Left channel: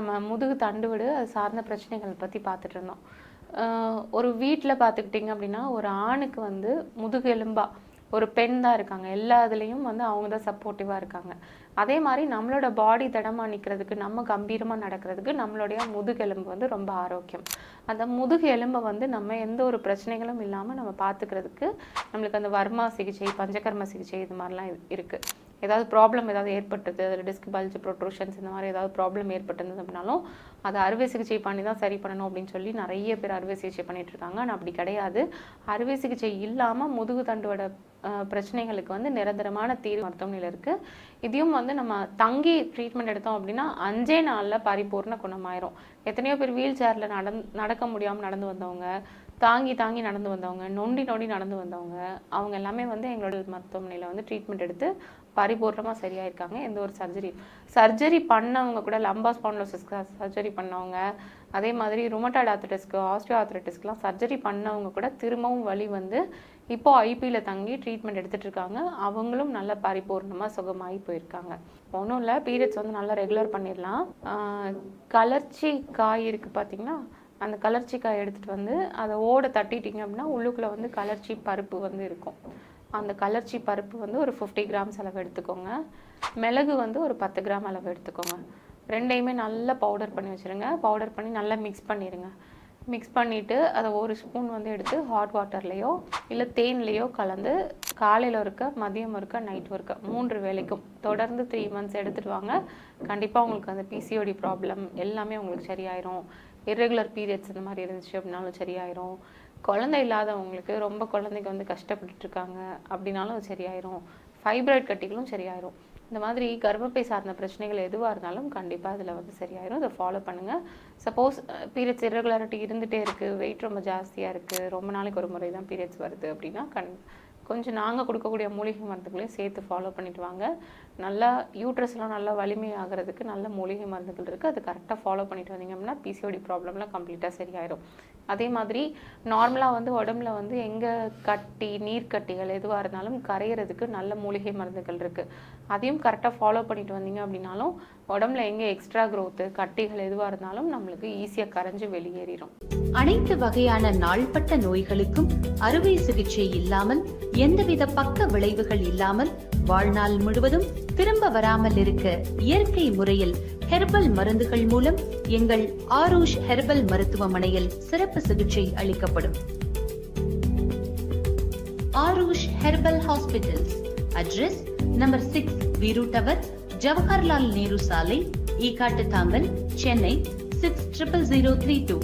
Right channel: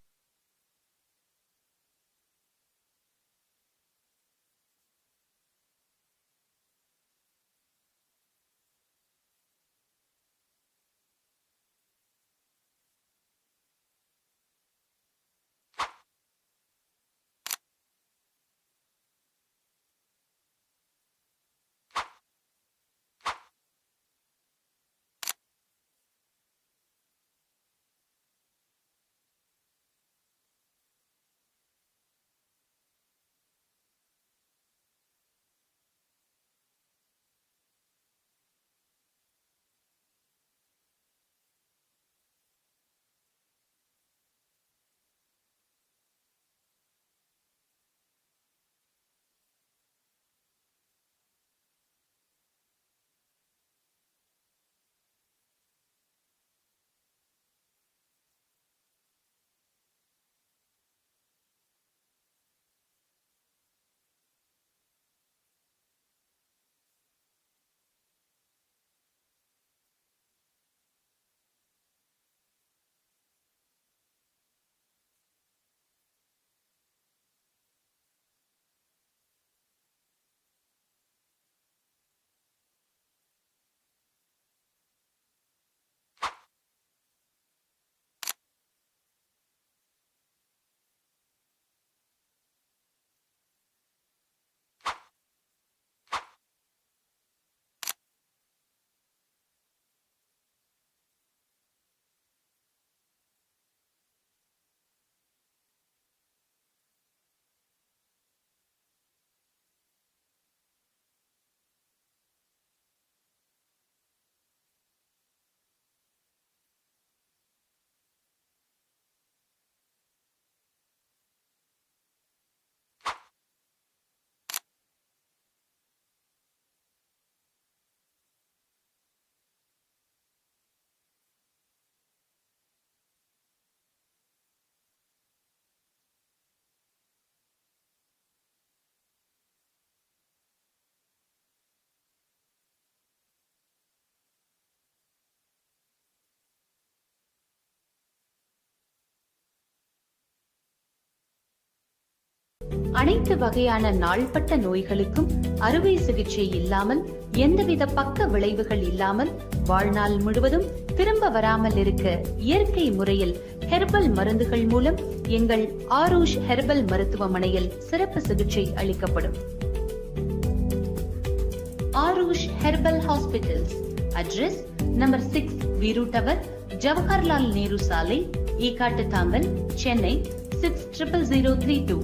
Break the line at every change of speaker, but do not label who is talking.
நம்ம முதுகு தண்டுவிடு அது சார்ந்த பிரச்சனைகள் பற்றி பார்த்துட்டு இருந்தோம். ஒரு வீட்டில் பார்த்துக்கிட்டிங்க அப்படின்னா ஒரு ஆணுக்கு வந்து முதுகு எலும்பா ஒரு பெண் தான் இருக்காங்க. எல்லா இதுலேயும் வந்து அவங்க தான் சப்போர்ட்டிவாக இருக்காங்க. அதே மாதிரி நம்மளோட பாடி தடமாக நிற்கிறதுக்கு நம்ம கம்பீரமாக நடக்கிறதுக்கு நம்மளுடைய முதுகெலும்பு வந்து ரொம்ப ஆரோக்கியம். அந்த முதுகு எலும்பை வந்து நம்ம எந்த ஒரு பிரச்சனைகளும் இல்லாமல் நம்ம பார்த்துக்கிறதுக்கு நம்மளுக்கு அந்த வர்மா சிகிச்சை பஞ்சகர்ம சிகிச்சை இது மாதிரிலாம் இருக்குது ஏதாவது ப்ராப்ளம் ஏதாவது ஏற்பட்டது அதில் டிஸ்க் பல்ஜ் ப்ரொட்ரூஷன்ஸ் இந்த மாதிரி ஏதாவது ப்ராப்ளம் ஏற்பட்டிருந்தது அப்படின்னாலும் அதை அறுவை சிகிச்சை பண்ணி தான் சரி பண்ணணும் அப்படின்னு சொல்லி நிறைய பேர் அறுவை சிகிச்சை பண்ணிட்டு இருக்காங்க. ஆனால் அப்படி கிடையாது. அறுவை சிகிச்சை இல்லாமல் முதுகு தண்டுவட பிரச்சனைகளுக்கு வந்து நிரந்தரமான தீர்வு மருத்துவமனையில் இருக்கு. இதையும் வந்து நம்ம தங்கி ட்ரீட்மெண்ட் எடுத்தோம் அப்படின்னா அஞ்சே நாளில் பரிபூர்ண குணமாயிரும். எத்தனையோ பேர் வீல் சேரில் நடந் நடக்க முடியாமல் நடந்து வந்தவங்க தாங்கி தாங்கி நடந்து வந்தவங்க நொண்டி நொண்டி நடந்து வந்தவங்க அவங்க எல்லாமே வந்து எங்களோட மருத்துவமனையில் வந்து ட்ரீட்மெண்ட் எடுத்து பரிபூர்ணமாக சரியாயிருக்காங்க எந்த ஒரு சர்ஜரி சர்ஜரி பண்ணவங்க கூட லம்பா ஸ்பான்லோசிஸ்க்கு சர்ஜரி பண்ணவங்க அதே மாதிரி ருமட்டாய்டு ஆர்த்தட்டிஸ்க்கு ஆஸ்டியோ ஆர்த்தட்டிஸ்க்குலாம் சர்ஜரி பண்ணவங்க கூட திரும்பவும் வலி வந்து இப்போ ஐபியில் தங்கி ட்ரீட்மெண்ட் எடுத்துகிட்டு இருக்காங்க அவங்களும் நல்ல பரிபூர்ணமாக சுகமாகி போயிருக்காங்க. ஒன்றும் இல்லை பீரியட்ஸ் வந்து நல்லா ரெகுலர் பண்ணிடலாம். கலர்ச்சி காய் இருக்குது பார்த்தீங்கன்னா அந்த கலர்ச்சி காய் எடுத்துகிட்டு வந்து அதை ஓட தட்டிட்டிங்க அப்படின்னா உள்ளுக்குள்ளே வந்து கலர்ச்சி பருப்பு வந்து இருக்கும். அந்த கலர்ச்சி பருப்பு வந்து ஒரு ஃபிஃப்டி கிராம்ஸ் அளவு எடுத்துக்கோங்க. மிளகு வந்து ஒரு பத்து கிராம் அளவு எடுத்துக்கோங்க. ரெண்டையுமே நல்லா பவுடர் பண்ணி வச்சுருங்க. பவுடர் பண்ணி நல்லா மிக்ஸ் பண்ணிடுங்க மிக்ஸ் பண்ணிவிட்டு அதை ஒரு ஸ்பூன் வந்து எடுத்து ஹாட் வாட்டர்லேயோ இல்லை தேன்லேயோ கலந்து காலையில் இருக்க மதியம் இருக்க நைட் இருக்க மூன்று வேளைக்கும் தொடர்ந்து த்ரீ மந்த்ஸ் எடுத்துகிட்டு வாங்க. கண்டிப்பாக உங்களுக்கு அந்த பிசிஓடி ப்ராப்ளம் எல்லாமே உங்களுக்கு சரியாயிரும். இர்ரெகுலர் பீரியட்ஸ் இந்த மாதிரி இருந்துச்சு அப்படின்னாலும் சரியாயிரும். குழந்தை இல்லாதவங்களுக்கு ரொம்ப குழந்தைக்கு வந்து கஷ்டப்பட்டுருக்காங்க அப்படின்னாலும் அது சரியாயிரும். ஃபைப்ராய்ட் கட்டிகளும் சரியாயிரும். இந்த மாதிரி கர்ப்பப்பை சார்ந்த பிரச்சனைகள் எதுவாக இருந்தாலும் கண்டிப்பாக அதில் வந்து சரியாயிரும். இதை ஃபாலோ பண்ணுங்கள் சப்போஸ் பீரியட்ஸ் irregularity இருந்துகிட்டே இருக்குது வெயிட் ரொம்ப ஜாஸ்தியாக இருக்குது ரொம்ப நாளைக்கு ஒரு முறை தான் பீரியட்ஸ் வருது அப்படின்னா கண் கொஞ்சம் நாங்கள் கொடுக்கக்கூடிய மூலிகை மருந்துகளையும் சேர்த்து ஃபாலோ பண்ணிட்டு வாங்க. நல்லா யூட்ரஸ்லாம் நல்லா வலிமையாகிறதுக்கு நல்ல மூலிகை மருந்துகள் இருக்குது அது கரெக்டாக ஃபாலோ பண்ணிட்டு வந்தீங்க அப்படின்னா பிசிஓடி ப்ராப்ளம்லாம் கம்ப்ளீட்டாக சரியாயிரும். அதே மாதிரி நார்மலாக வந்து உடம்புல வந்து எங்கே கட்டி நீர்க்கட்டிகள் எதுவாக இருந்தாலும் கரையிறதுக்கு நல்ல மூலிகை மருந்துகள் இருக்குது அதையும் கரெக்டாக ஃபாலோ பண்ணிட்டு வந்தீங்க அப்படின்னாலும் உடம்புல எங்கே எக்ஸ்ட்ரா க்ரோத்து கட்டிகள் எதுவாக இருந்தாலும் நம்மளுக்கு ஈஸியாக கரைஞ்சு வெளியேறிடும்
அனைத்து வகையான நாள்பட்ட நோய்களுக்கும் அறுவை சிகிச்சை இல்லாமல் எந்தவித பக்க விளைவுகள் இல்லாமல் வாழ்நாள் முழுவதும் திரும்ப வராமல் இருக்க இயற்கை முறையில் ஹெர்பல் மருந்துகள் மூலம் எங்கள் ஆரூஷ் ஹெர்பல் மருத்துவமனையில் சிறப்பு சிகிச்சை அளிக்கப்படும். Aarush herbal hospitals. Address number six Veeru tower Jawaharlal Nehru சாலை Ekkattuthangal Chennai six triple zero three two